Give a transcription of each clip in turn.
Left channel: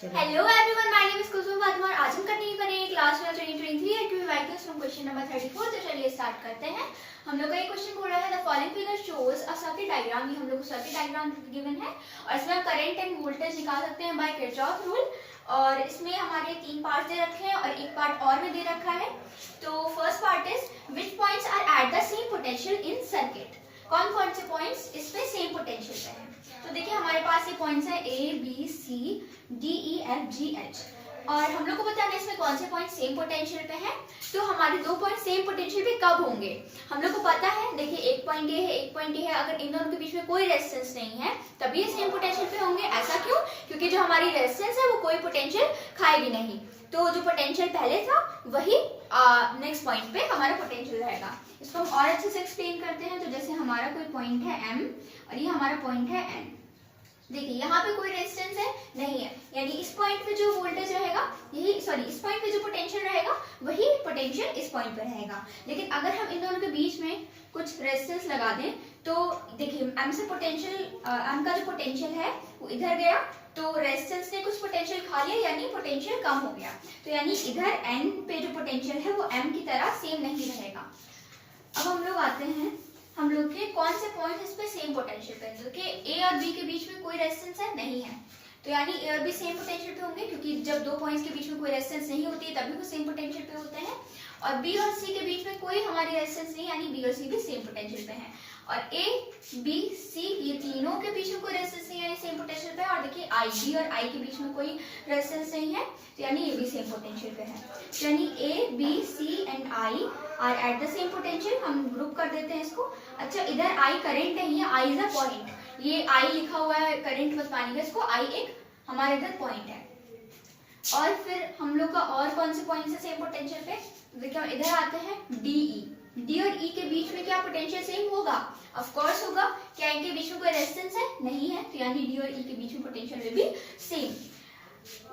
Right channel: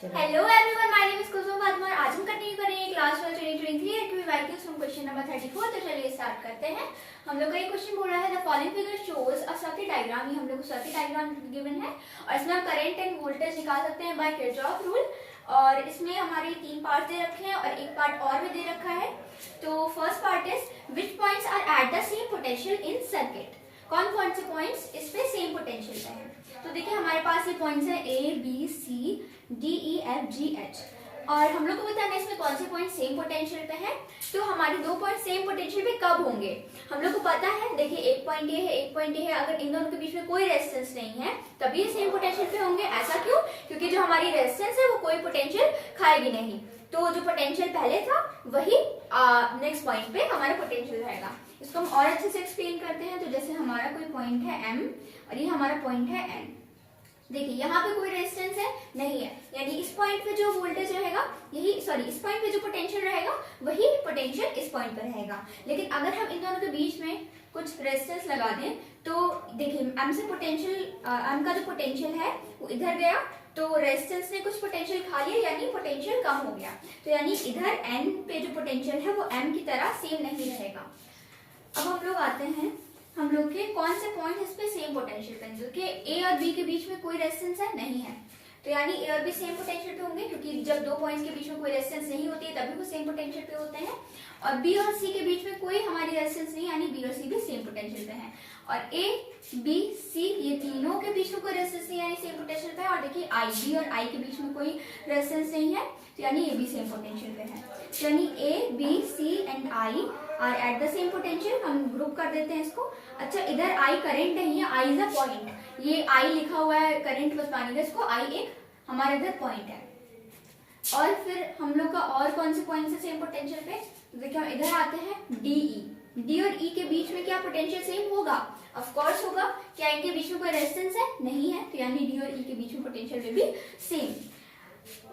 Hello everyone, my name is Kusum Fatima और आज हम कंटिन्यू करेंगे क्लास 12 2023 एक्टिव वाइक्यूज फ्रॉम क्वेश्चन नंबर 34। तो चलिए स्टार्ट करते हैं। हम लोग का ये क्वेश्चन बोल रहा है the following figure shows a circuit diagram. ये हम लोग को सर्किट डायग्राम गिवन है और इसमें हम करंट एंड वोल्टेज निकाल सकते हैं बाय किरचॉफ रूल। और इसमें हमारे तीन पार्ट दे रखे हैं और एक पार्ट और भी दे रखा है। तो first part is which points are at the same potential in circuit. कौन से पॉइंट्स इस पे सेम पोटेंशियल पे है। तो देखिए हमारे पास ये पॉइंट्स हैं A B C D E F G H और हम लोग को बताना है इसमें कौन से पॉइंट सेम पोटेंशियल पे है। तो हमारे दो पॉइंट सेम पोटेंशियल पे कब होंगे हम लोग को पता है। देखिए एक पॉइंट ये है एक पॉइंट ये है, अगर इन दोनों के बीच में कोई रेजिस्टेंस नहीं है तभी ये सेम पोटेंशियल पे होंगे। ऐसा क्यों? क्योंकि जो हमारी रेजिस्टेंस है वो कोई पोटेंशियल खाएगी नहीं। तो जो पोटेंशियल पहले था वही नेक्स्ट पॉइंट पे हमारा पोटेंशियल रहेगा। इसको हम और अच्छे से एक्सप्लेन करते हैं। तो जैसे हमारा कोई पॉइंट है M और ये हमारा पॉइंट है N। देखिए यहाँ पे कोई रेजिस्टेंस है नहीं है, यानी इस पॉइंट पे जो वोल्टेज रहेगा इस पॉइंट पे जो पोटेंशियल रहेगा वही पोटेंशियल इस पॉइंट पे रहेगा। लेकिन अगर हम इन दोनों के बीच में कुछ रेजिस्टेंस लगा दें तो देखिए M का जो पोटेंशियल है वो इधर गया तो रेजिस्टेंस ने कुछ पोटेंशियल खा लिया यानी पोटेंशियल कम हो गया। तो यानी इधर N पे जो पोटेंशियल है वो M की तरह सेम नहीं रहेगा। अब हम लोग आते हैं हम लोग के कौन से पॉइंट इस पे सेम पोटेंशियल पे हैं। कि ए और बी के बीच में कोई रेजिस्टेंस है नहीं है, तो यानी ए और बी सेम पोटेंशियल पे होंगे क्योंकि जब दो पॉइंट्स के बीच में कोई रेजिस्टेंस नहीं होती है तभी वो सेम पोटेंशियल पे होते हैं। और बी और सी के बीच में कोई हमारी रेजिस्टेंस नहीं, यानी बी और सी भी सेम पोटेंशियल पे हैं। और ए बी सी ये तीनों के बीच में कोई रेजिस्टेंस नहीं यानी सेम पोटेंशियल पे है। और देखिए आई बी और आई के बीच में कोई रेजिस्टेंस नहीं है तो यानी ये भी सेम पोटेंशियल पे है। तो यानी A B C and I are at the same potential. हम ग्रुप कर देते हैं इसको। अच्छा इधर आई करंट नहीं है, आई इज अ पॉइंट। ये आई लिखा हुआ है करंट बस मानिएगा इसको, आई एक हमारे इधर पॉइंट है। और फिर हम लोग का और कौन से पॉइंट है सेम पोटेंशियल पे। तो देखिए हम इधर आते हैं डी ई। डी और ई के बीच में क्या पोटेंशियल सेम होगा? ऑफ कोर्स होगा। क्या इनके बीच में कोई रेजिस्टेंस है? नहीं है, तो यानी डी और ई के बीच में पोटेंशियल will भी सेम।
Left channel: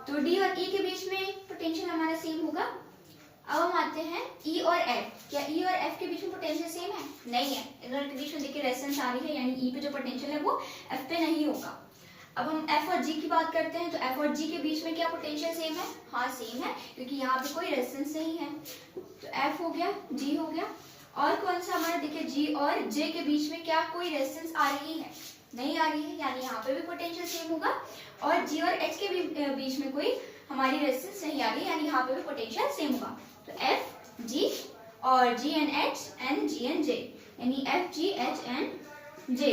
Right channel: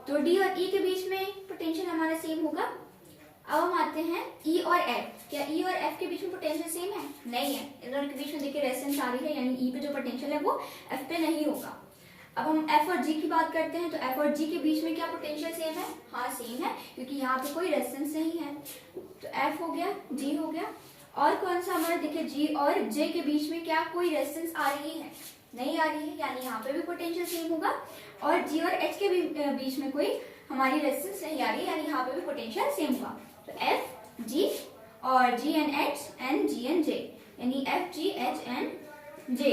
तो डी और ई के बीच में पोटेंशियल हमारा सेम होगा। अब हम आते हैं E और F। क्या E और F के बीच में पोटेंशियल सेम है? नहीं है। इन दोनों के बीच में देखिए रेजिस्टेंस आ रही है यानी E पे जो पोटेंशियल है वो F पे नहीं होगा। अब हम F और G की बात करते हैं तो F और G के बीच में क्या पोटेंशियल सेम है? हाँ सेम है क्योंकि यहाँ पे कोई रेजिस्टेंस नहीं है। तो F हो गया, G हो गया। और कौन सा हमारा देखिए G और J के बीच में क्या कोई रेजिस्टेंस आ रही है? नहीं आ रही है, यानी यहाँ पे भी पोटेंशियल सेम होगा। और G और H के बीच में कोई हमारी रेजिस्टेंस नहीं आ रही है यानी यहाँ पे भी पोटेंशियल सेम होगा। तो F G और G and H and G and J यानी F G H and J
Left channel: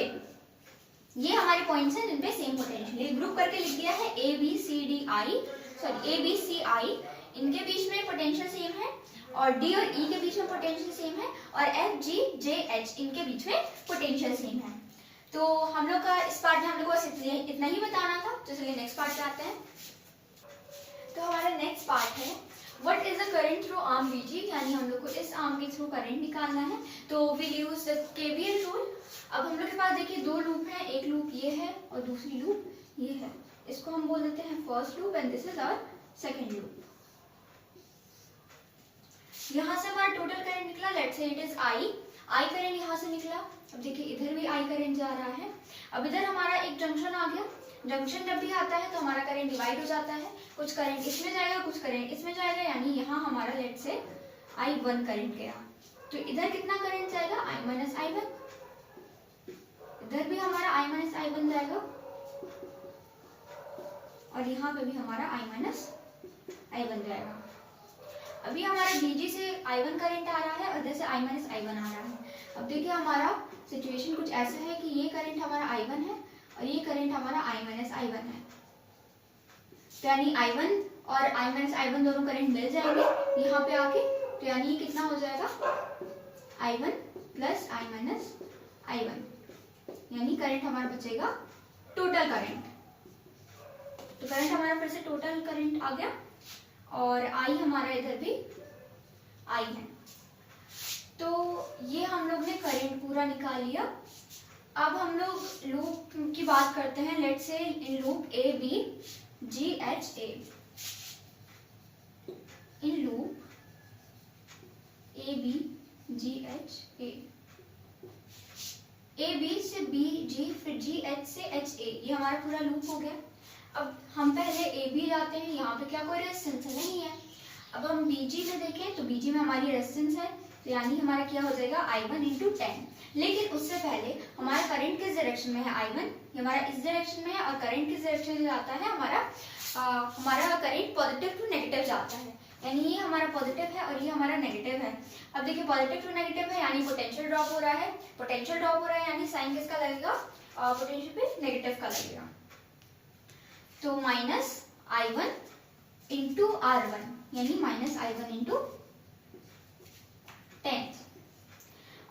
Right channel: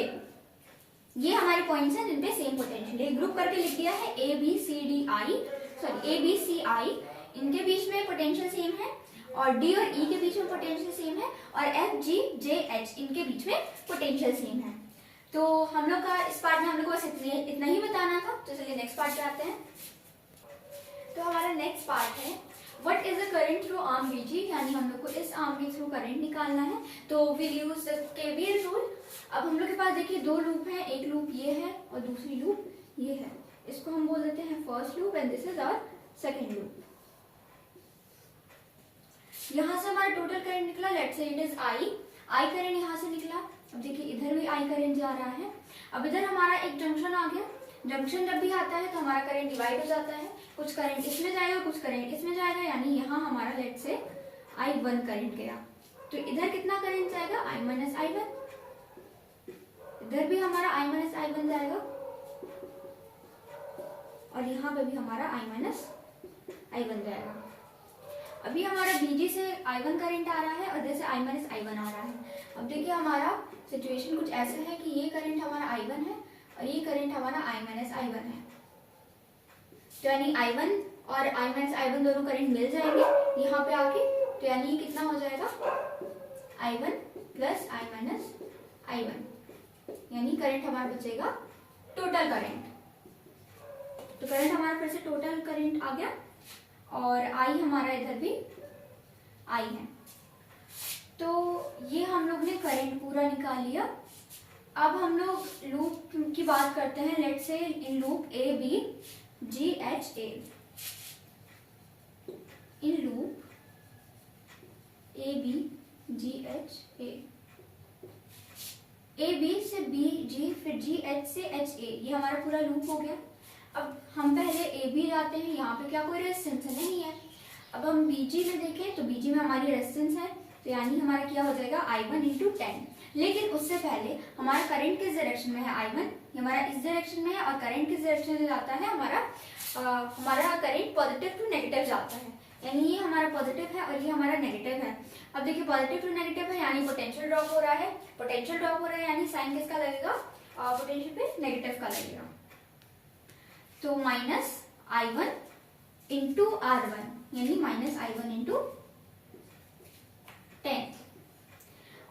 ये हमारे पॉइंट्स हैं जिनपे सेम पोटेंशियल। एक ग्रुप करके लिख दिया है A B C D I A B C I इनके बीच में पोटेंशियल सेम है और D और E के बीच में पोटेंशियल सेम है और F G J H इनके बीच में पोटेंशियल सेम है। तो हम लोग का इस पार्ट में हम लोग को बस इतना ही बताना था। तो चलिए नेक्स्ट पार्ट पे आते हैं। तो हमारा नेक्स्ट पार्ट है what is the current through arm VG, यानी हम लोग को इस आर्म के थ्रू करंट निकालना है। तो will use the KVL rule. अब हम लोग के पास देखिए दो लूप हैं, एक लूप ये है और दूसरी लूप ये है। इसको हम बोल देते हैं first loop and this is our second loop. यहाँ से हमारा टोटल करंट निकला, let's say it is I current यहाँ से निकला। अब देखिए इधर भी I करंट जा रहा है। अब इधर हमारा एक जंक्शन आ गया। जंक्शन जब भी आता है तो हमारा करंट डिवाइड हो जाता है, कुछ करंट इसमें जाएगा कुछ करंट इसमें जाएगा, यानी यहाँ हमारा लेट्स से I1 करंट गया। तो इधर कितना करंट जाएगा? I minus I1। इधर भी हमारा I माइनस I1 जाएगा और यहाँ पे भी हमारा I माइनस I1 जाएगा। अभी हमारा VG से I1 करंट आ रहा है और इधर से I माइनस I1 आ रहा है। अब देखिए हमारा सिचुएशन कुछ ऐसा है कि ये करंट हमारा I1 है और ये करंट हमारा I माइनस I1 है। तो यानी I1 और I माइनस I1 दोनों करंट मिल जाएंगे यहाँ पे आके। तो यानी ये कितना हो जाएगा? I1 plus I minus I1, यानी करंट हमारा बचेगा टोटल करंट। तो करंट हमारा फिर से टोटल करंट आ गया और I हमारा इधर भी I है। तो ये हम लोग ने करंट पूरा निकाल लिया। अब हम लोग लूप की बात करते हैं। Let's say in loop A B G H A, in loop A B G H A, A B से B G फिर G H से H A, ये हमारा पूरा लूप हो गया। अब हम पहले AB जाते क्या कोई रेजिस्टेंस है? नहीं है। अब हम बीजी में देखें तो बीजी में हमारी रेजिस्टेंस है, तो यानी हमारा क्या हो जाएगा I1 × 10। लेकिन उससे पहले हमारा करंट किस डायरेक्शन में है? I1 ये हमारा इस डायरेक्शन में है, और करंट किस डायरेक्शन में जाता है? हमारा करंट पॉजिटिव टू नेगेटिव जाता है, यानी ये हमारा पॉजिटिव है और ये हमारा नेगेटिव है। अब देखिए पॉजिटिव टू नेगेटिव है यानी पोटेंशियल ड्रॉप हो रहा है, पोटेंशियल ड्रॉप हो रहा है यानी साइन किसका लगेगा? पोटेंशियल पे नेगेटिव का लगेगा। तो -I1 × R1 यानी -I1 × 10,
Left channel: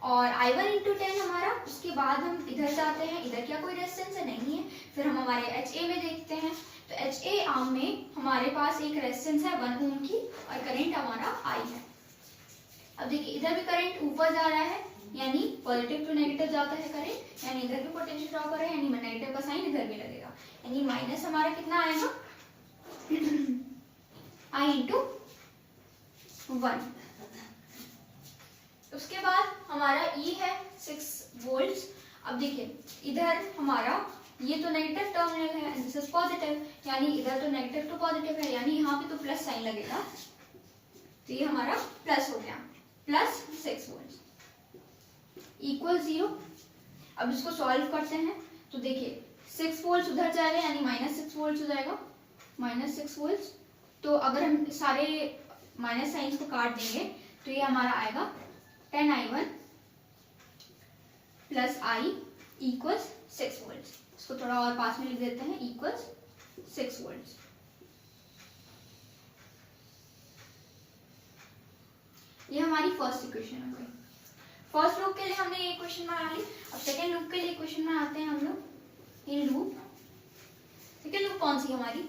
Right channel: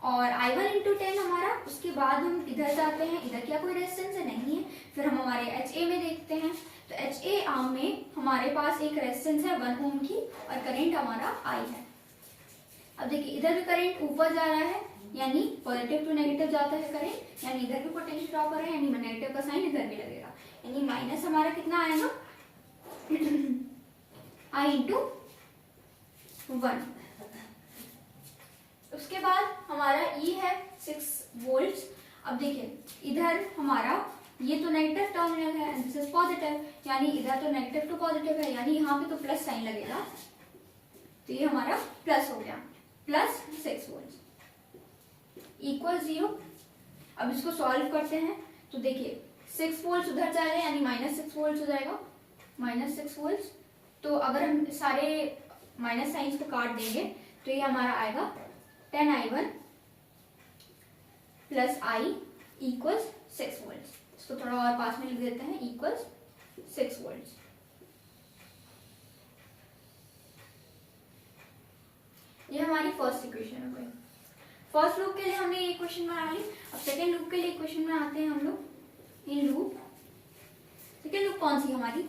और I1 × 10 हमारा, उसके बाद हम इधर जाते हैं, इधर क्या कोई रेजिस्टेंस है? नहीं है। फिर हम हमारे HA में देखते हैं, तो HA में हमारे पास एक रेजिस्टेंस है 1 ओम की, और करंट हमारा I है। अब देखिए इधर भी करंट ऊपर जा रहा है, यानी पॉजिटिव टू नेगेटिव जाता है करंट, यानी इधर भी पोटेंशियल ड्रॉप कर रहा है, यानी नेगेटिव का साइन इधर भी लगेगा, यानी माइनस हमारा कितना आएगा? I × 1। उसके बाद हमारा E है 6 वोल्ट। अब देखिए इधर हमारा ये तो नेगेटिव टर्मिनल है, दिस इज पॉजिटिव, यानी इधर तो नेगेटिव टू पॉजिटिव है, यानी यहाँ पे तो प्लस साइन लगेगा, तो ये हमारा प्लस हो गया, +6 वोल्ट इक्वल 0। अब इसको सॉल्व करते हैं, तो देखिए 6 वोल्ट उधर जा रहे हैं, यानी -6 वोल्ट हो जाएगा, -6 वोल्ट। तो अगर हम सारे माइनस साइंस को काट देंगे तो ये हमारा आएगा 10I1 + I = 6 वोल्ट। इसको थोड़ा और पास में लिख देते हैं, इक्वल्स 6 वोल्ट। ये हमारी फर्स्ट इक्वेशन हो गई। फर्स्ट लूप के लिए हमने ये इक्वेशन बना ली। अब सेकेंड लूप के लिए इक्वेशन में आते हैं हम लोग। इन लूप सेकेंड लूप कौन सी हमारी?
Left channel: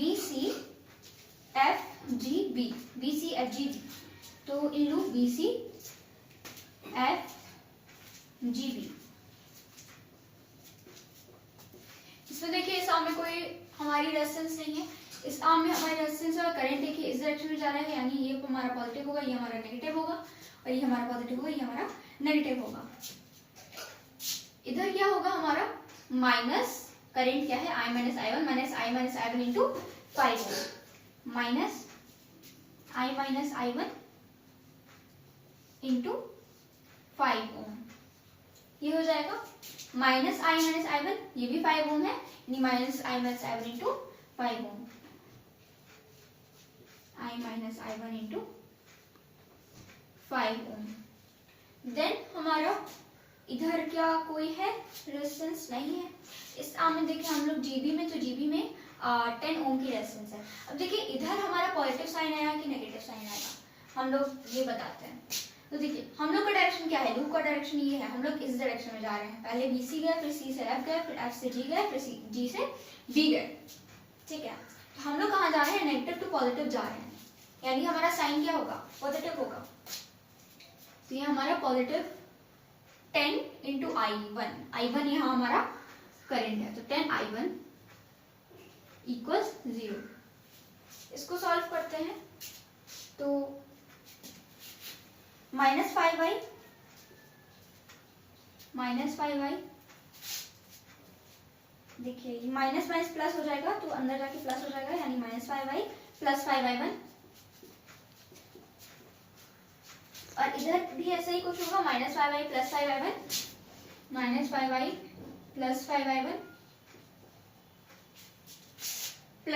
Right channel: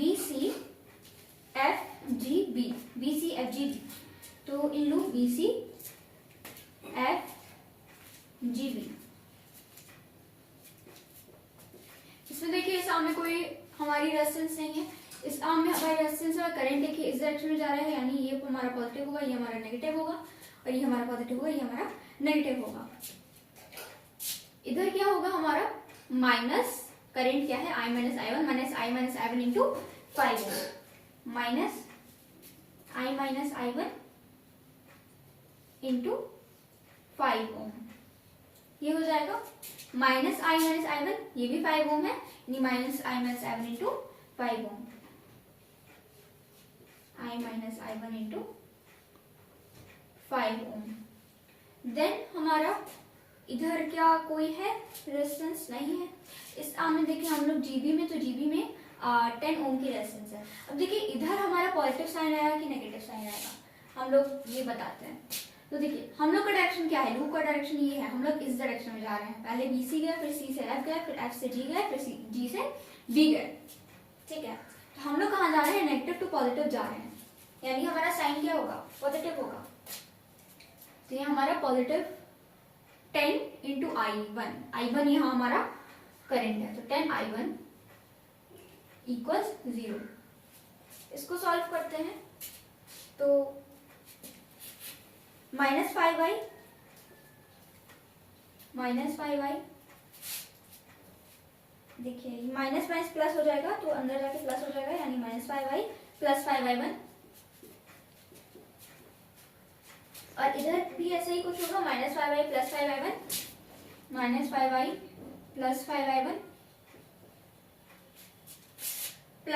BC FG B। तो in loop BC FG B। इसमें देखिए इस आर्म में कोई हमारी रेजिस्टेंस नहीं है, इस आर्म में हमारी रेजिस्टेंस है, करंट देखिए इस डायरेक्शन में जा रहा है, यानी ये हमारा पॉजिटिव होगा, ये हमारा नेगेटिव होगा, और ये हमारा पॉजिटिव होगा, ये हमारा नेगेटिव होगा। इधर क्या होगा हमारा? माइनस करंट क्या है? I - I1 -I - I1 × 5 -I - I1 × 5 ओम। ये हो जाएगा -I - I1, ये भी 5 ओम है, यानी -I - I - 5 ohm, I - I1 × 5 ohm. Then हमारा इधर क्या कोई है? रेजिस्टेंस नहीं है। इस आर्म में देखिए हम लोग जीबी में, तो जीबी में 10 ओम की रेजिस्टेंस है। अब देखिए इधर हमारा पॉजिटिव साइन आएगा कि नेगेटिव साइन आएगा, हम लोग ये बताते हैं। तो देखिए हम लोग का डायरेक्शन क्या है? लूप का डायरेक्शन ये है, हम लोग इस डायरेक्शन में जा रहे हैं। पहले बी सी गए, फिर सी से एफ गए, फिर एफ से जी गए, फिर जी से बी गए, ठीक है। तो हम लोग कहाँ जा रहे हैं? नेगेटिव टू पॉजिटिव जा रहे हैं, यानी हमारा साइन क्या होगा? पॉजिटिव होगा। तो ये हमारा पॉजिटिव 10 × I1 यहाँ हमारा करंट है, तो 10I1 = 0। इसको सॉल्व करते हैं, तो -5I देखिए माइनस माइनस प्लस हो जाएगा, तो अंदर जाके प्लस हो जाएगा, यानी -5I + 5I1, और इधर भी ऐसे ही कुछ होगा, -5I + 5I1 -5I + 5I1 +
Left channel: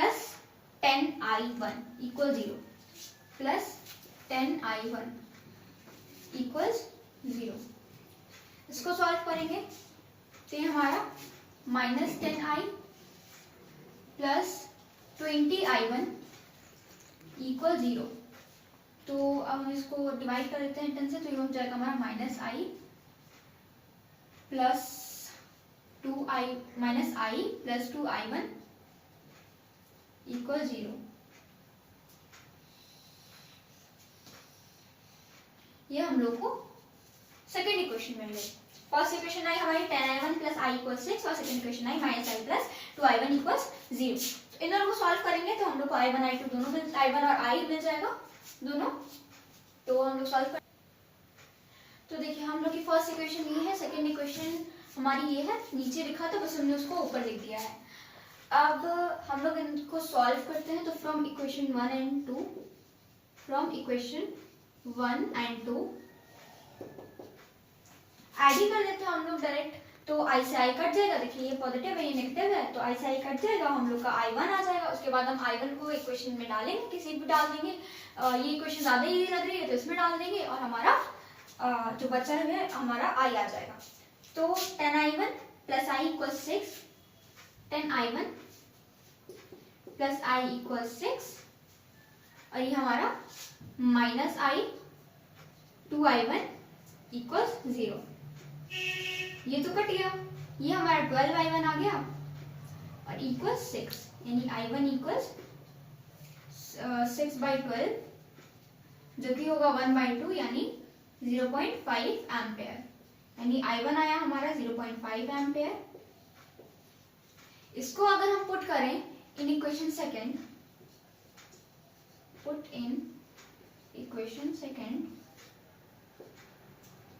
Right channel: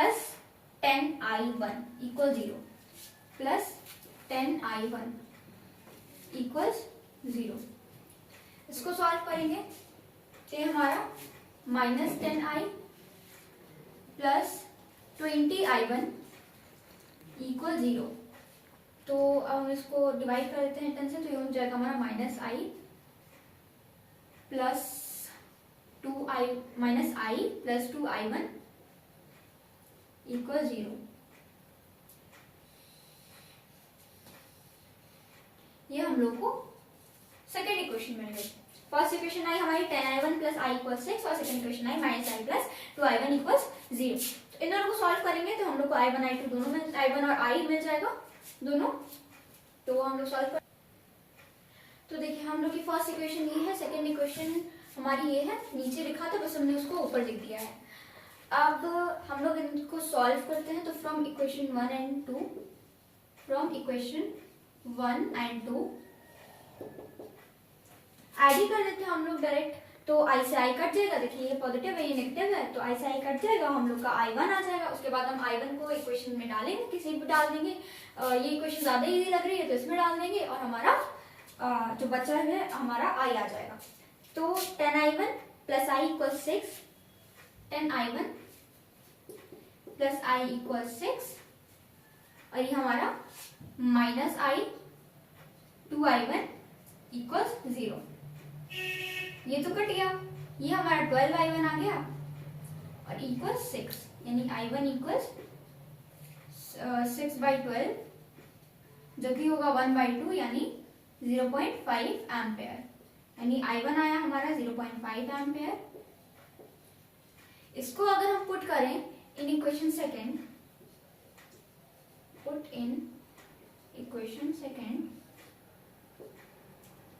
10I1 = 0 + 10I1 = 0। इसको सॉल्व करेंगे तो ये हमारा -10I + 20I1 = 0। तो अब हम इसको डिवाइड कर देते हैं 10 से, तो ये हो जाएगा हमारा -I + 2I1 = 0। ये हम लोग को सेकेंड इक्वेशन मिल गई। फर्स्ट इक्वेशन आई हमारी 10I1 + I = 6, और second equation I -I + 2I1 = 0। तो इन दोनों को सॉल्व करेंगे तो हम लोग को I1 I2 दोनों मिल, I1 और I मिल जाएगा दोनों। तो हम लोग सॉल्व कर, तो देखिए हम लोग की फर्स्ट इक्वेशन ये है, सेकेंड इक्वेशन हमारी ये है, नीचे लिखा था बस हमने उसको ऊपर लिख दिया है। अब हम लोग इनको सॉल्व करते हैं। तो from equation 1 and 2, from equation 1 and 2 add ही कर देते हैं हम लोग डायरेक्ट। तो आई से आई कट जाएगा, देखिए ये पॉजिटिव है ये नेगेटिव है, तो आई से आई कट जाएगा, हम लोग का I1 आ जाएगा। उसके बाद हम I1 को इक्वेशन में डालेंगे, किसी भी डाल देंगे। ये इक्वेशन ज़्यादा इजी लग रही है तो इसमें डाल देंगे और हमारा जो बचा है हमारा I आ जाएगा। तो 10I1 plus I equal 6, 10I1 plus I equal 6 और ये हमारा माइनस I 2I1 इक्वल 0। ये तो कट गया, ये हमारा 12I1 आ गया और इक्वल 6, यानी I1 इक्वल 6/12 जो कि होगा 1/2 यानी 0.5 एम्पेयर, यानी I1 आया हमारा 0.5 एम्पेयर। इसको अगर हम पुट करें in equation second, put in equation second,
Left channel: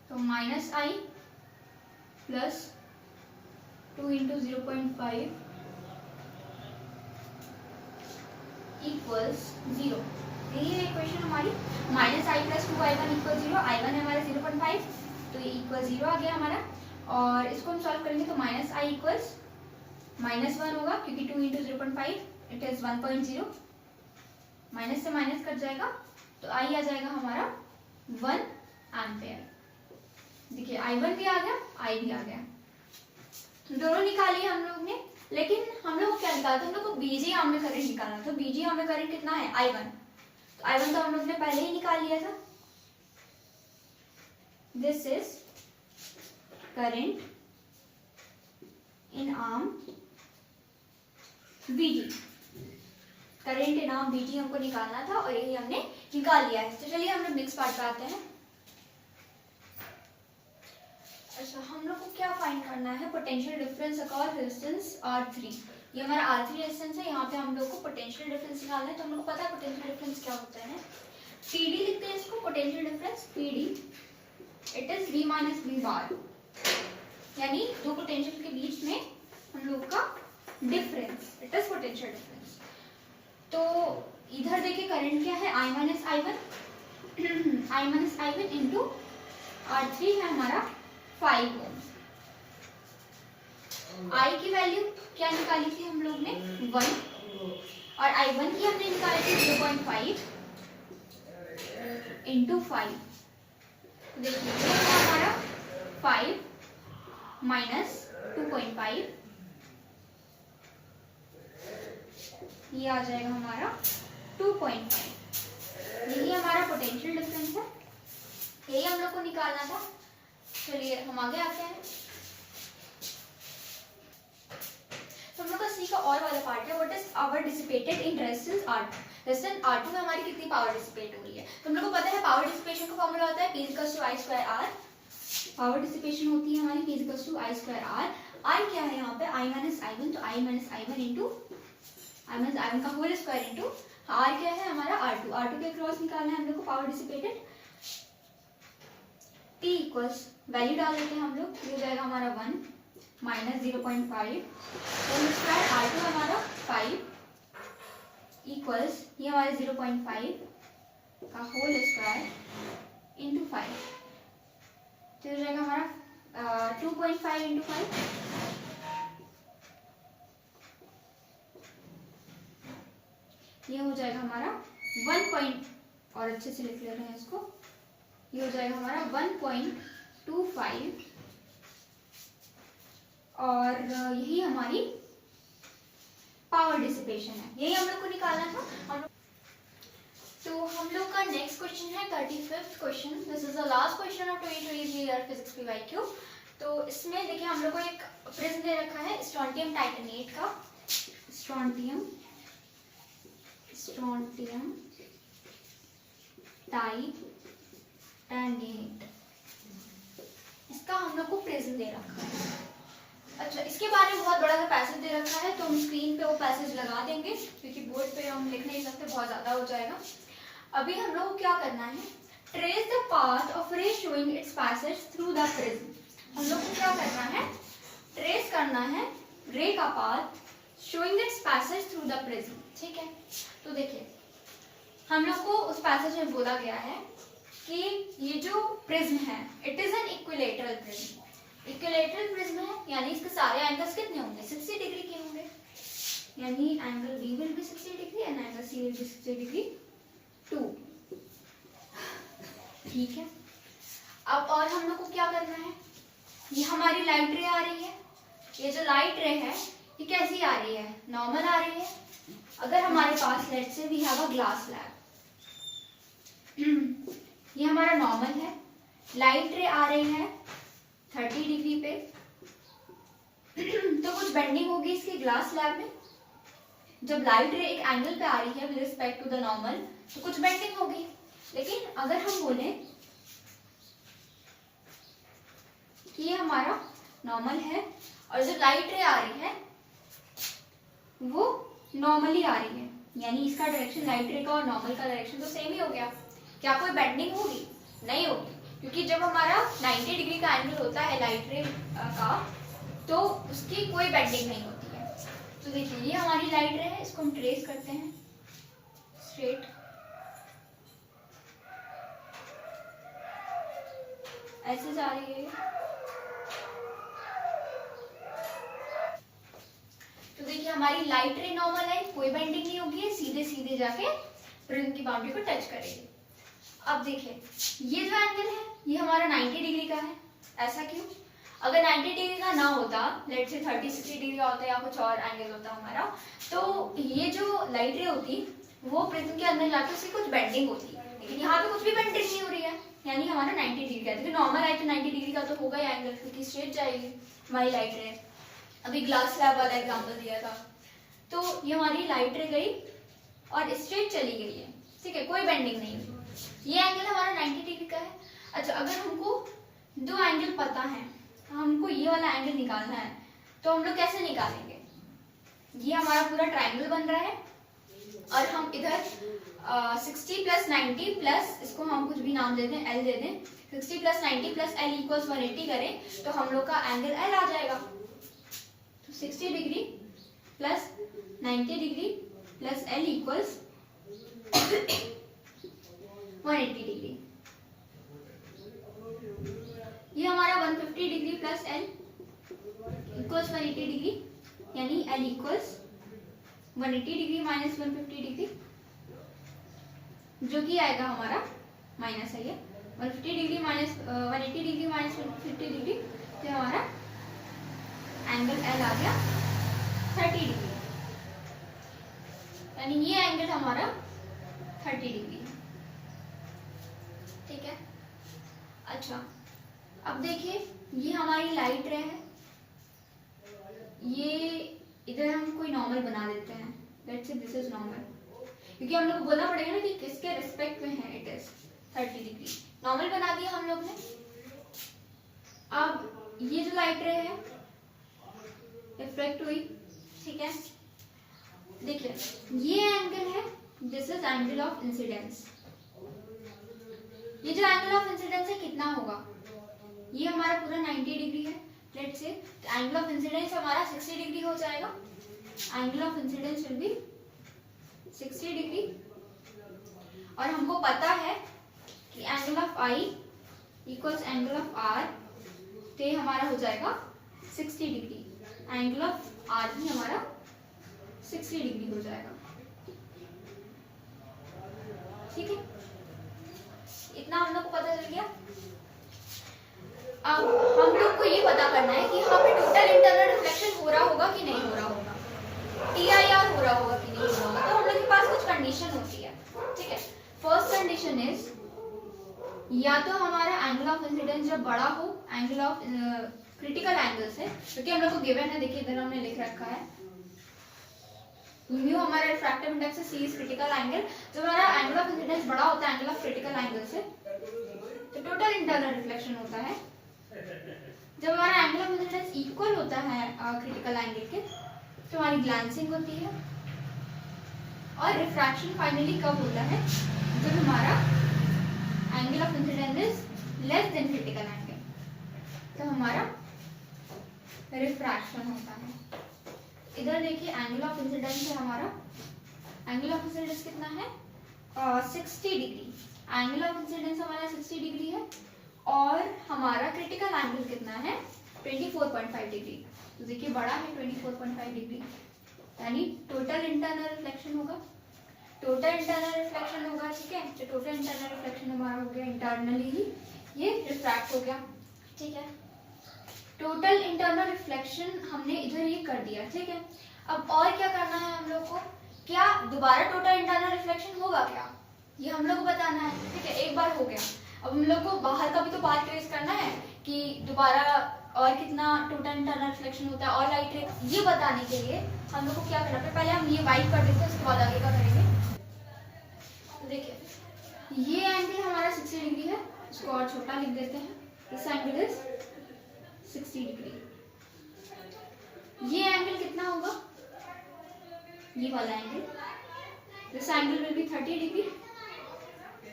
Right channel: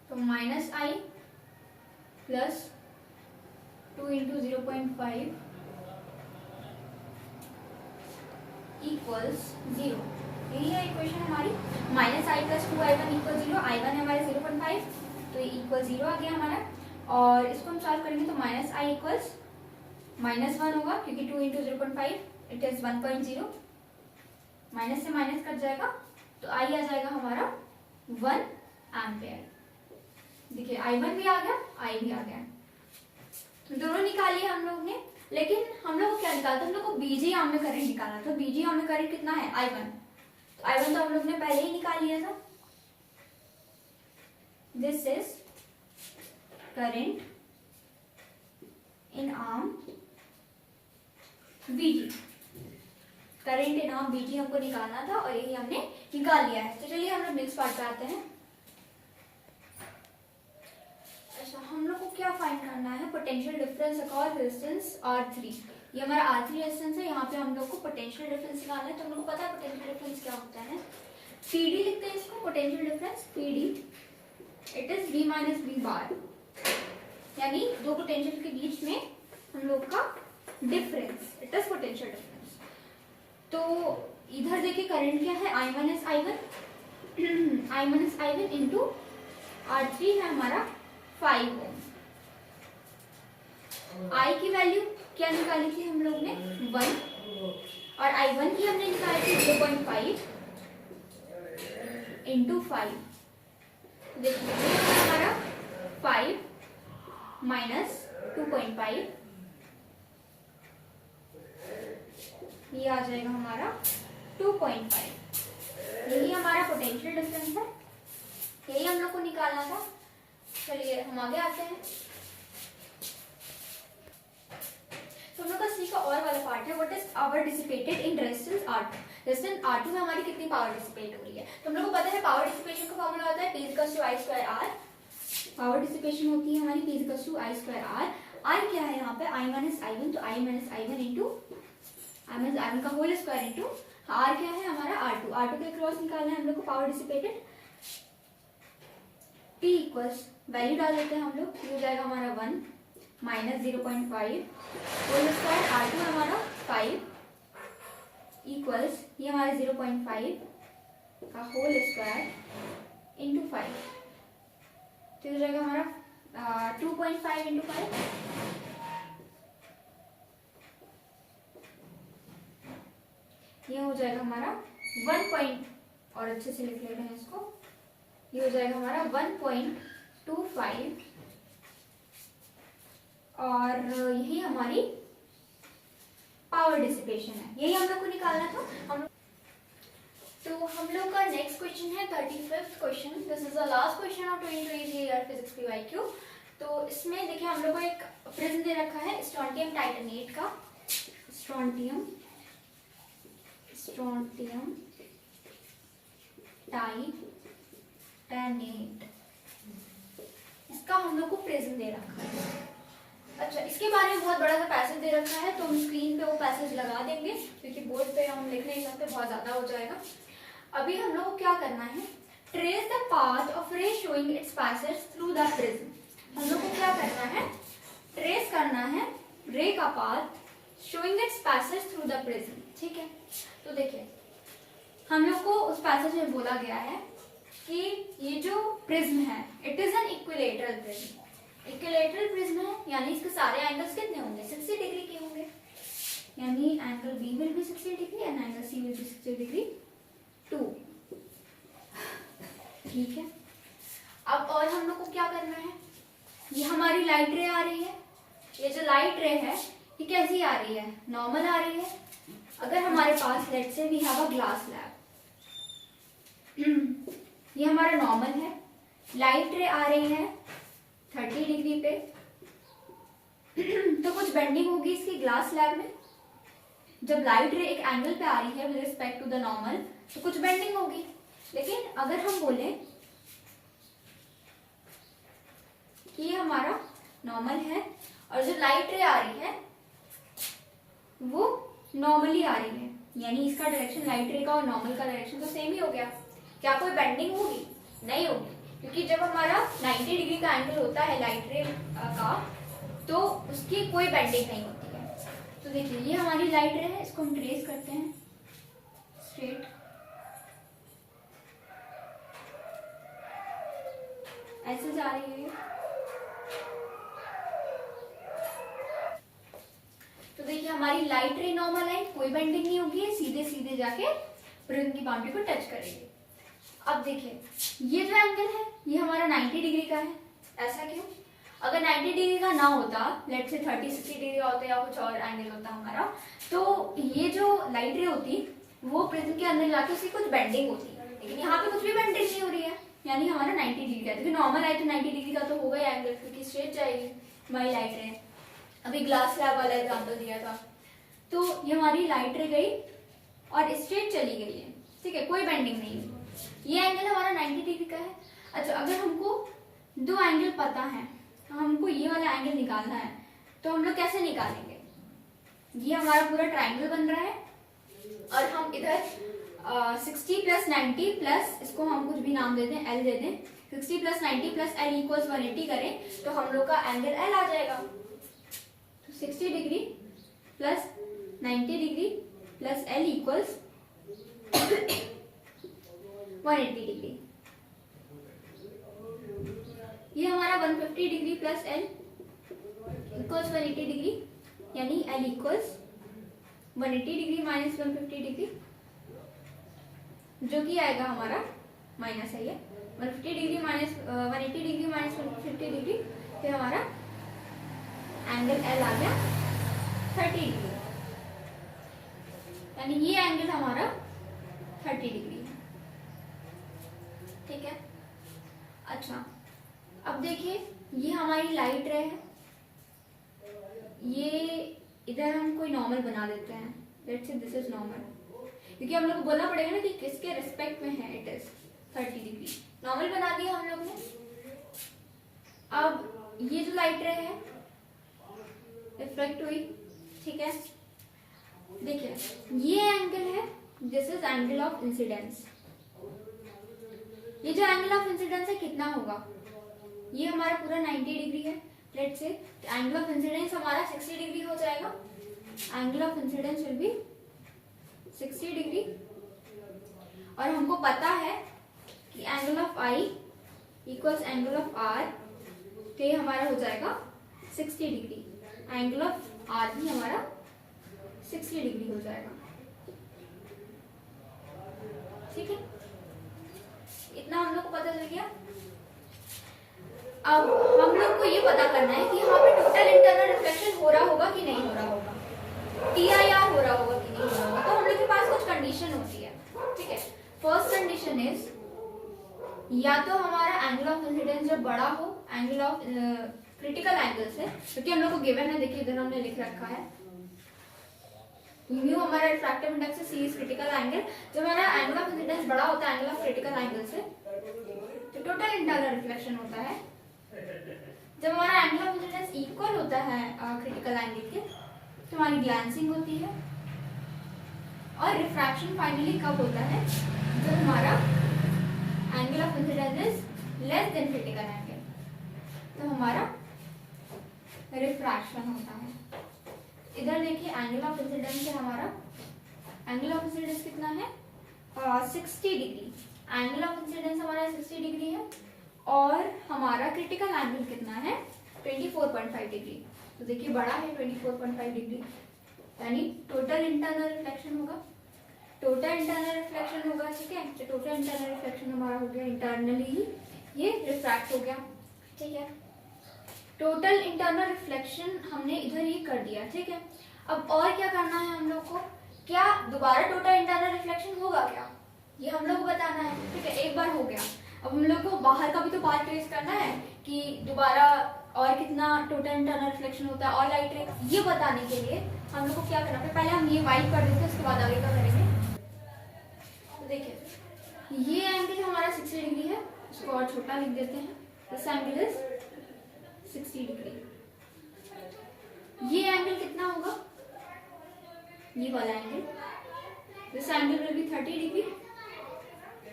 तो minus I plus 2 into 0.5 equals 0। यही है इक्वेशन हमारी। Minus I plus 2I1 equal 0, I1 है हमारा 0.5 तो ये इक्वल 0 आ गया हमारा। और इसको हम सॉल्व करेंगे तो माइनस I इक्वल्स -1 होगा क्योंकि 2 इंटू 0.5 इट इज 1.0, माइनस से माइनस कट जाएगा तो I आ जाएगा हमारा 1 एम्पेयर। देखिए I1 भी आ गया, I भी आ गया, दोनों निकालिए हम लोग ने। लेकिन हम लोग को क्या निकालना था, हम लोग को बीजी आर्म में करंट निकालना था। बीजी आर्म में करंट कितना है I1, तो I1 तो हम लोग ने पहले ही निकाल लिया था। This is current in arm BG, current in arm BG हमको निकालना था और यही हमने निकाल लिया है। तो चलिए हम लोग नेक्स्ट पार्ट पे आते हैं। अच्छा, हम लोग को क्या फाइंड करना है, potential difference across resistance R3। ये हमारा R3 रेजिस्टेंस है, यहाँ पे हम लोग को पोटेंशियल डिफरेंस निकालना है। तो हम लोग को पता है पोटेंशियल डिफरेंस क्या होता है, PD लिखते हैं इसको, potential difference PD it is V minus V बार, यानी दो पोटेंशियल के बीच में हम लोग का difference, it is potential difference. तो इधर देखिए करंट क्या है I minus I1 into R3 है हमारा 5 ओम। I की वैल्यू क्या निकाली थी हम लोग ने 1 और I1 की हमने निकाली थी 0.5 इंटू 5। देखिए ये हमारा 5 माइनस 2.5, ये आ जाएगा हमारा 2.5। यही हमारा पोटेंशियल डिफरेंस है, यही हम लोग को निकालना था। चलिए हम आगे आते हैं। तो हम लोग का सी का और वाला पार्ट है, what is power dissipated in resistance R2। Resistance R2 में हमारी कितनी पावर डिसिपेट हो रही है। तो हम लोग को पता है पावर डिसिपेशन का फॉर्मूला आता है P equals to I square R। Power dissipation होती है हमारी P equals to I square R। R क्या है यहाँ पे I माइनस I1, तो I minus I1 into I minus I1 का होल स्क्वायर इंटू R क्या है हमारा R2। R2 के क्रॉस निकालना है हम लोग को power dissipated. P equals value डाल देते हैं हम लोग, ये हो जाएगा हमारा 1 माइनस 0.5 होल स्क्वायर, R2 हमारा 5 इक्वल्स ये हमारे 0.5 का होल स्क्वायर इंटू 5, तो हो जाएगा हमारा 2.5 इंटू 5, ये हो जाएगा हमारा 1 और अच्छे से लिख ले रहे हैं इसको, ये हो जाएगा हमारा 1.25 और यही हमारी पावर डिसिपेशन है, यही हम लोग को निकालना था। तो हम लोग का नेक्स्ट क्वेश्चन है 35th question. This is the last question of 2023 year physics PYQ। तो इसमें देखिए हम लोग को एक प्रिज्म दे रखा है स्ट्रोंटियम टाइटेनेट का, स्ट्रोंटियम टाइटेनेट, इसका हम लोग को प्रिज्म दे रखा है। अच्छा, इसके बारे में बहुत बड़ा सा पैसेज दे रखा है तो हम स्क्रीन पे वो पैसेज लगा देंगे क्योंकि बोर्ड पे हम लिख नहीं सकते, बहुत ज्यादा हो जाएगा। अभी हम लोग को क्या करना है, ट्रेस द पाथ ऑफ रे showing it's passage through the prism. हम लोग को क्या करना है, ट्रेस करना है रे का path showing it's passage through the prism. ठीक है, तो देखिए हम लोग को उस पैसेज में बोला गया है कि ये जो प्रिज्म है it is an equilateral prism. Equilateral prism है यानी इसके सारे एंगल्स कितने होंगे, 60 डिग्री के होंगे, यानी angle B will be 60 degree and angle C will be 60 degree too. ठीक है, अब और हम लोग को क्या करना है, ये हमारी लाइट रे आ रही है, ये जो लाइट रे है ये कैसी आ रही है, नॉर्मल आ रही है। अगर हमारे पास let's say we have a glass slab, ये हमारा नॉर्मल है, लाइट रे आ रही है 30 डिग्री पे, तो कुछ बेंडिंग होगी इसकी ग्लास स्लैब में। जब लाइट रे एक एंगल पे आ रही है with respect to the normal तो कुछ बेंडिंग होगी। लेकिन अगर हम बोले कि ये हमारा नॉर्मल है और जब लाइट रे आ रही है वो नॉर्मली आ रही है, यानी इसका डायरेक्शन लाइट रे का और नॉर्मल का डायरेक्शन तो सेम ही हो गया। क्या कोई बेंडिंग होगी, नहीं होगी, क्योंकि जब हमारा 90 डिग्री का एंगल होता है लाइट रे का तो उसकी कोई बेंडिंग नहीं होती है। तो देखिए ये हमारी लाइट रे है, इसको हम ट्रेस करते हैं स्ट्रेट, ऐसे जा रही है। तो देखिए हमारी लाइट रे नॉर्मल लाइन, कोई बेंडिंग नहीं होगी, सीधे सीधे जाके प्रिज्म की बाउंड्री को टच करेगी। अब देखिए ये जो एंगल है ये हमारा 90 डिग्री का है, ऐसा क्यों? अगर 90 डिग्री का ना होता, लेट से 30-60 डिग्री का होता या कुछ और एंगल होता हमारा, तो ये जो लाइट रे होती वो प्रिज्म के अंदर लाके उसकी कुछ बेंडिंग होती, लेकिन यहाँ पे कुछ भी बेंडिंग नहीं हो रही है, यानी हमारा 90 डिग्री का। देखिए नॉर्मल लाइट 90 डिग्री का तो होगा ही एंगल, क्योंकि स्ट्रेट जाएगी हमारी लाइट रे। अभी ग्लास स्लैब वाला एग्जाम्पल दिया था, तो ये हमारी लाइट रे गई और स्ट्रेट चली गई है, ठीक है, कोई बेंडिंग नहीं है। ये एंगल हमारा 90 डिग्री का है। अच्छा, अगर हमको दो एंगल पता है, हमको ये वाला एंगल निकालना है, तो हम लोग कैसे निकालेंगे? ये हमारा पूरा ट्रायंगल बन रहा है और हम इधर 60 प्लस 90 प्लस, इसको हम कुछ भी नाम दे दें, एल दे दें, 60 प्लस 90 प्लस एल इक्वल्स 180 करें तो हम लोग का एंगल एल आ जाएगा। तो 60 degree plus 90 degree plus L equals 180 degree. ये हमारा 150 degree plus L equals 180 degree, यानी L equals 180 degree minus 150 degree, जो कि आएगा हमारा माइनस है ये 150 degree minus 180 degree minus 150 degree, तो हमारा एंगल एल आ गया 30 डिग्री, यानी ये एंगल हमारा 30 डिग्री है। ठीक है, अच्छा अब देखिए ये हमारी लाइट रे है, ये इधर हम कोई नॉर्मल बना देते हैं, let's say this is normal, क्योंकि हम लोग को बोलना पड़ेगा ना कि किसके रिस्पेक्ट में है, इट इज 30 डिग्री, नॉर्मल बना दिया हम लोग ने। अब ये जो लाइट रे है रिफ्लेक्ट हुई, ठीक है, देखिए ये एंगल है, this is angle of incidence. ये जो एंगल ऑफ इंसिडेंस है कितना होगा, ये हमारा पूरा 90 डिग्री है, let's say angle of incidence हमारा 60 डिग्री हो जाएगा, angle of incidence will be 60 degree, और हमको पता है कि angle of I equals angle of R, तो ये हमारा हो जाएगा 60 डिग्री, एंगल ऑफ आर भी हमारा 60 डिग्री हो जाएगा। ठीक है, इतना हम लोग को पता चल गया। अब हम लोग को ये पता करना है कि यहाँ पे टोटल इंटरनल रिफ्लेक्शन हो रहा होगा कि नहीं हो रहा होगा, TIR हो रहा होगा कि नहीं हो रहा होगा। तो हम लोग के पास कुछ कंडीशन होती है, ठीक है। फर्स्ट कंडीशन इज या तो हमारा एंगल ऑफ इंसिडेंस जब बड़ा हो एंगल ऑफ क्रिटिकल एंगल से, क्योंकि हम लोग को गिवन है, देखिए इधर हमने लिख रखा है म्यू हमारा रिफ्रैक्टिव इंडेक्स है, सी इज क्रिटिकल एंगल। जब हमारा एंगल ऑफ इंसिडेंस बड़ा होता है एंगल ऑफ क्रिटिकल एंगल से, तो टोटल इंटरनल रिफ्लेक्शन होता है। जब हमारा एंगल ऑफ इंसिडेंस इक्वल होता है क्रिटिकल एंगल के, तो हमारी ग्लैंसिंग होती है। और रिफ्रैक्शन फाइनली कब होता है, जब हमारा angle of incidence is less than critical angle, तो हमारा रिफ्रैक्शन होता है। इधर देखिए एंगल ऑफ इंसिडेंस है हमारा, एंगल ऑफ इंसिडेंस कितना है 60 डिग्री, एंगल ऑफ इंसिडेंस हमारा 60 डिग्री है और हमारा क्रिटिकल एंगल कितना है 24.5 डिग्री। तो देखिए बड़ा है 24.5 डिग्री, यानी टोटल इंटरनल रिफ्लेक्शन होगा, टोटल इंटरनल रिफ्लेक्शन होगा, ठीक है। तो टोटल इंटरनल रिफ्लेक्शन हमारा हो गया इंटरनली ही ये रिफ्रैक्ट हो गया, ठीक है। टोटल इंटरनल रिफ्लेक्शन हमने इधर ये कर दिया, ठीक है। अब और क्या करना है हम लोग को, क्या दोबारा टोटल इंटरनल रिफ्लेक्शन होगा क्या, ये हम लोग को बताना है, ठीक है। एक बार हो गया, अब हम लोग को बाहर का भी तो पार्ट ट्रेस करना है कि दोबारा और कितना टोटल इंटरनल रिफ्लेक्शन होता है और लाइट रे, ये बताने के लिए हम लोग को क्या करना है, पहले हम ये वाइट कर देते हैं, उसके बाद आगे का करेंगे। तो देखिए ये एंगल हमारा 60 डिग्री है, इसको और छोटा लिख देते हैं, दिस एंगल इज 60 डिग्री। ये एंगल कितना होगा, ये वाला angle, this angle will be 30 degree,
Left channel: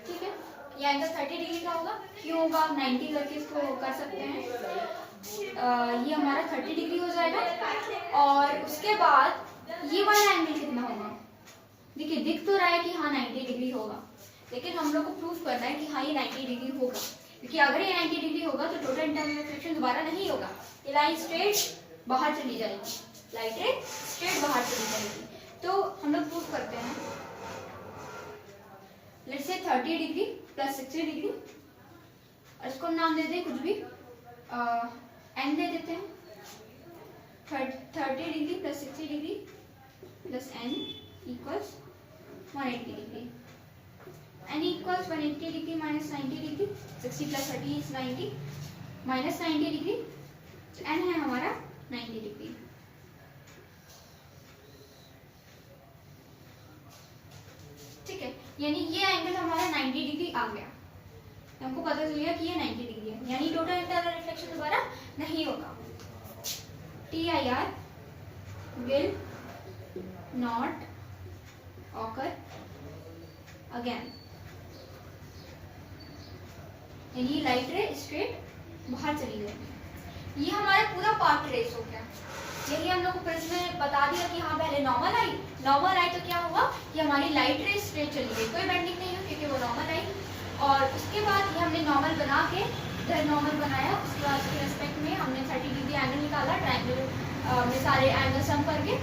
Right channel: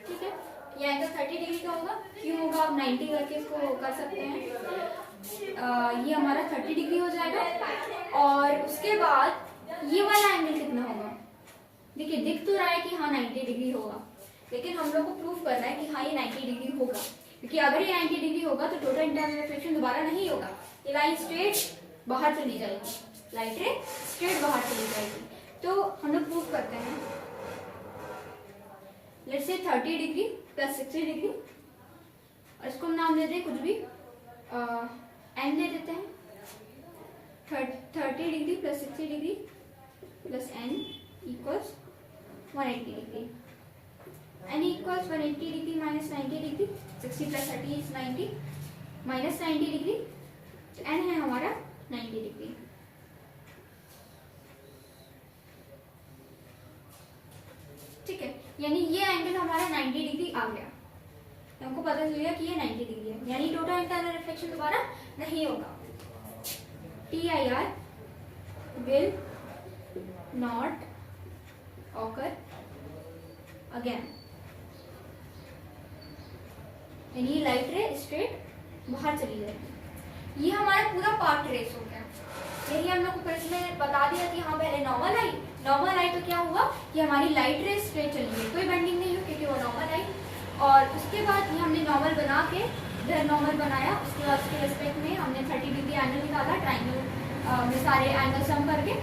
ठीक है। ये एंगल 30 डिग्री का होगा, क्यों होगा आप 90 करके इसको कर सकते हैं। ये हमारा 30 डिग्री हो जाएगा और उसके बाद ये वाला एंगल कितना होगा, देखिए दिख तो रहा है कि हाँ 90 डिग्री होगा, लेकिन हम लोग को प्रूव करना है कि हाँ ये 90 डिग्री होगा, क्योंकि अगर ये 90 डिग्री होगा तो टोटल इंटरनल रिफ्लेक्शन दोबारा नहीं होगा, ये लाइन स्ट्रेट बाहर चली जाएगी, लाइट रे स्ट्रेट बाहर चली जाएगी। तो हम लोग प्रूव करते हैं, let's say 30 degree plus 60 degree, और इसको हम नाम दे दें कुछ भी, एन दे देते हैं, 30 degree plus 60 degree plus N equals 180 degree, N equals 180 degree minus 90 degree, 60 plus 30 is 90 minus 90 degree, N है हमारा 90 डिग्री। ठीक है, यानी ये एंगल हमारा 90 डिग्री आ गया, हमको पता चल गया कि ये 90 डिग्री है, यानी टोटल इंटरनल रिफ्लेक्शन दोबारा नहीं होगा। TIR will not occur again, यानी लाइट रे स्ट्रेट बाहर चली जाएगी। ये हमारा पूरा पार्ट ट्रेस हो गया, यही हम लोग को प्रश्न में बता दिया कि हाँ पहले नॉर्मल आई तो क्या हुआ कि हमारी लाइट रे स्ट्रेट चली गई, कोई बेंडिंग नहीं हुई क्योंकि वो नॉर्मल आई, और उसके बाद ये हमने नॉर्मल बना के इधर नॉर्मल बनाया, उसके बाद उसके रिस्पेक्ट में हमने 30 डिग्री एंगल निकाला, ट्राइंगल में सारे एंगल सम करके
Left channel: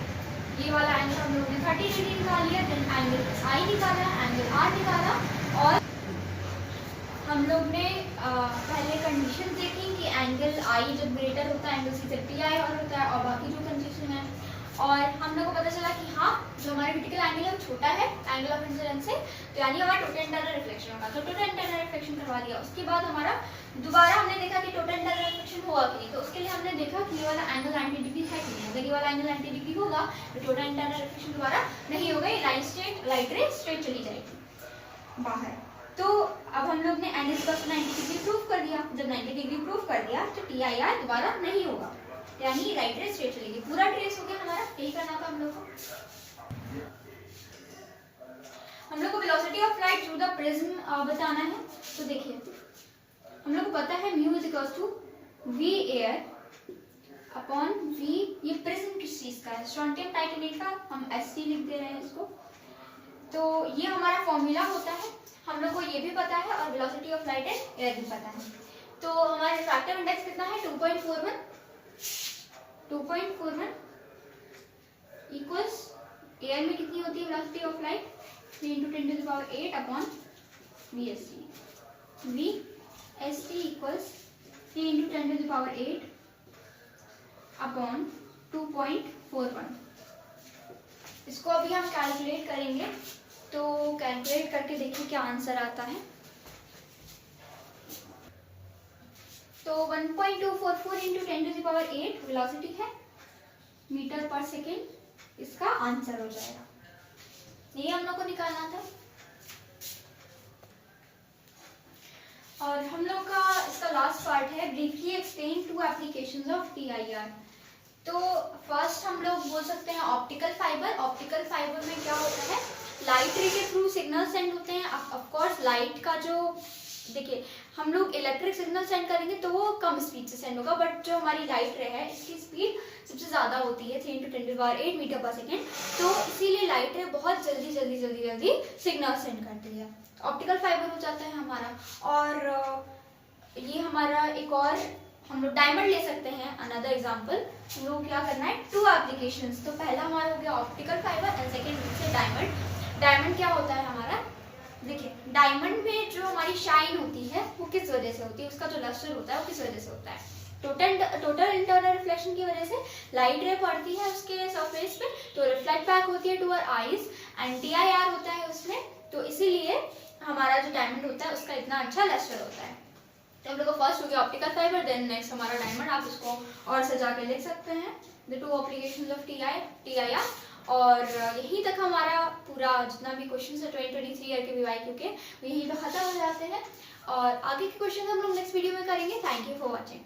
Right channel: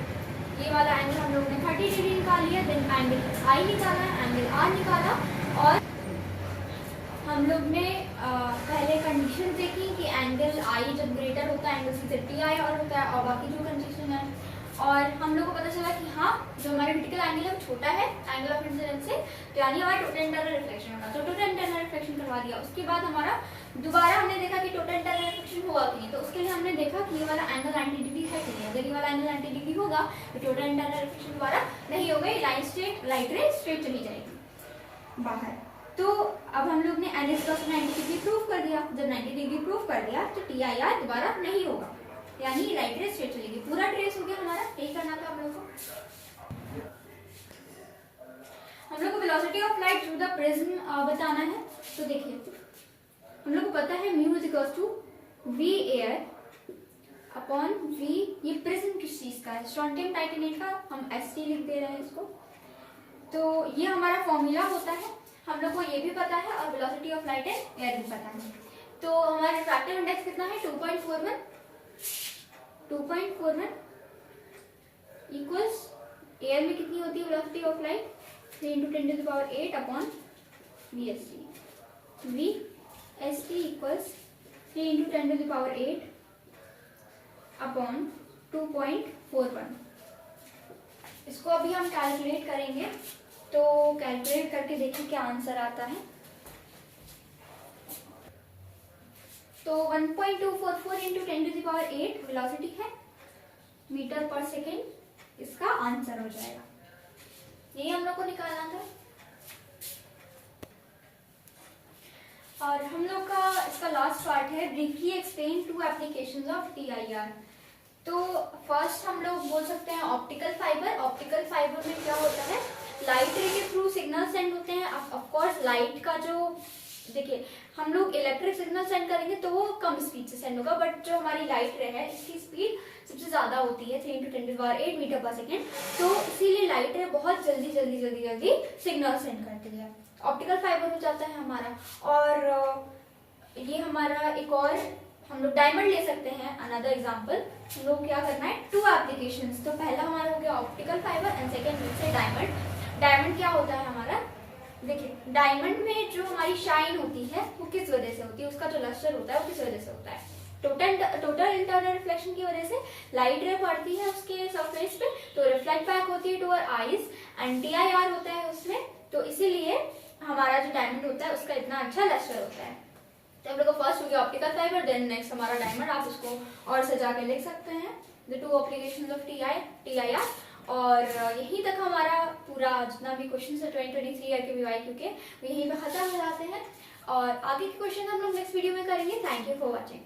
ये वाला एंगल हम लोग ने 30 डिग्री निकाल लिया, देन एंगल आई निकाला, एंगल आर निकाला, और हम लोग ने पहले कंडीशन देखी कि एंगल आई जब ग्रेटर होता है एंगल सी से टी आई और होता है, और बाकी जो कंडीशन है, और हम लोग को पता चला कि हाँ जो हमारा क्रिटिकल एंगल है वो छोटा है एंगल ऑफ इंसिडेंस से, तो यानी हमारा टोटल इंटरनल रिफ्लेक्शन होगा, तो टोटल इंटरनल रिफ्लेक्शन करवा दिया। उसके बाद हमारा दोबारा हमने देखा कि टोटल इंटरनल रिफ्लेक्शन हुआ कि नहीं, तो उसके लिए हमने देखा कि ये वाला एंगल 90 डिग्री है कि नहीं, अगर ये वाला एंगल 90 डिग्री होगा तो टोटल इंटरनल रिफ्लेक्शन दोबारा नहीं होगा, ये लाइन स्ट्रेट लाइट रे स्ट्रेट चली जाएगी बाहर। तो अब हम लोग ने एन इक्वल्स 90 डिग्री प्रूव कर दिया, जब 90 डिग्री प्रूव कर दिया तो TIR दोबारा नहीं होगा, यानी लाइट रे स्ट्रेट चलेगी, पूरा ट्रेस हो गया हमारा, यही करना था हम लोग को। हम लोग को velocity of light through the prism बताना है, तो देखिए हम लोग को पता है mu is equal to V air upon V, ये प्रिज्म किस चीज का है, स्ट्रोंटियम टाइटेनेट का, हम ST लिख दे रहे हैं इसको, तो ये हमारा फॉर्मूला होता है, हम लोग को ये भी पता है, और velocity of light and air भी पता है। तो हमारा रिफ्रैक्टिव इंडेक्स कितना है 2.41 इक्वल्स एयर में कितनी होती है velocity of light 3 × 10⁸ upon VST, VST equals 3 × 10⁸ upon 2.41। इसको अभी हम कैलकुलेट करेंगे, तो कैलकुलेट करके देखिए क्या आंसर आता है। तो 1.244 × 10⁸ वेलोसिटी है मीटर पर सेकेंड, इसका आंसर हो जाएगा, यही हम लोग को निकालना था। और हम लोग का इसका लास्ट पार्ट है briefly explain 2 applications of TIR। तो फर्स्ट हम लोग बोल सकते हैं ऑप्टिकल फाइबर। ऑप्टिकल फाइबर में क्या होता है, लाइट रे के थ्रू सिग्नल सेंड होते हैं। ऑफ कोर्स लाइट का जो देखिए हम लोग इलेक्ट्रिक सिग्नल सेंड करेंगे तो वो कम स्पीड से सेंड होगा, बट जो हमारी लाइट रे है इसकी स्पीड सबसे ज़्यादा होती है 3 × 10⁸ मीटर पर सेकेंड, तो इसीलिए लाइट रे बहुत जल्दी सिग्नल सेंड करती है। ऑप्टिकल फाइबर हो जाता है हमारा। और ये हमारा एक और हम लोग डायमंड ले सकते हैं, अनदर एग्जांपल। हम लोग क्या करना है, 2 एप्लीकेशंस। तो पहला हमारा हो गया ऑप्टिकल फाइबर एंड सेकेंड से डायमंड। डायमंड क्या होता है हमारा, देखिए डायमंड में जो हमारी शाइन होती है वो किस वजह से होती है, उसका जो लस्टर होता है वो किस वजह से होता है, टोटल इंटरनल रिफ्लेक्शन की वजह से लाइट रे पड़ती है उसके सरफेस पे तो रिफ्लेक्ट बैक होती है to our eyes and TIR होता है उसमें, तो इसीलिए हमारा जो डायमंड होता है उसका इतना अच्छा लस्टर होता है। तो हम लोग को फर्स्ट हो गया ऑप्टिकल फाइबर, देन नेक्स्ट हमारा डायमंड। आप इसको और सजा के लिख सकते हैं, द 2 एप्लीकेशंस ऑफ TIR। और यहीं तक हमारा पूरा जितना भी क्वेश्चन है 2023 ईयर के VYQ के, वो यहीं पे खत्म हो जाते हैं। और आगे के क्वेश्चन हम लोग नेक्स्ट वीडियो में करेंगे। Thank you for watching.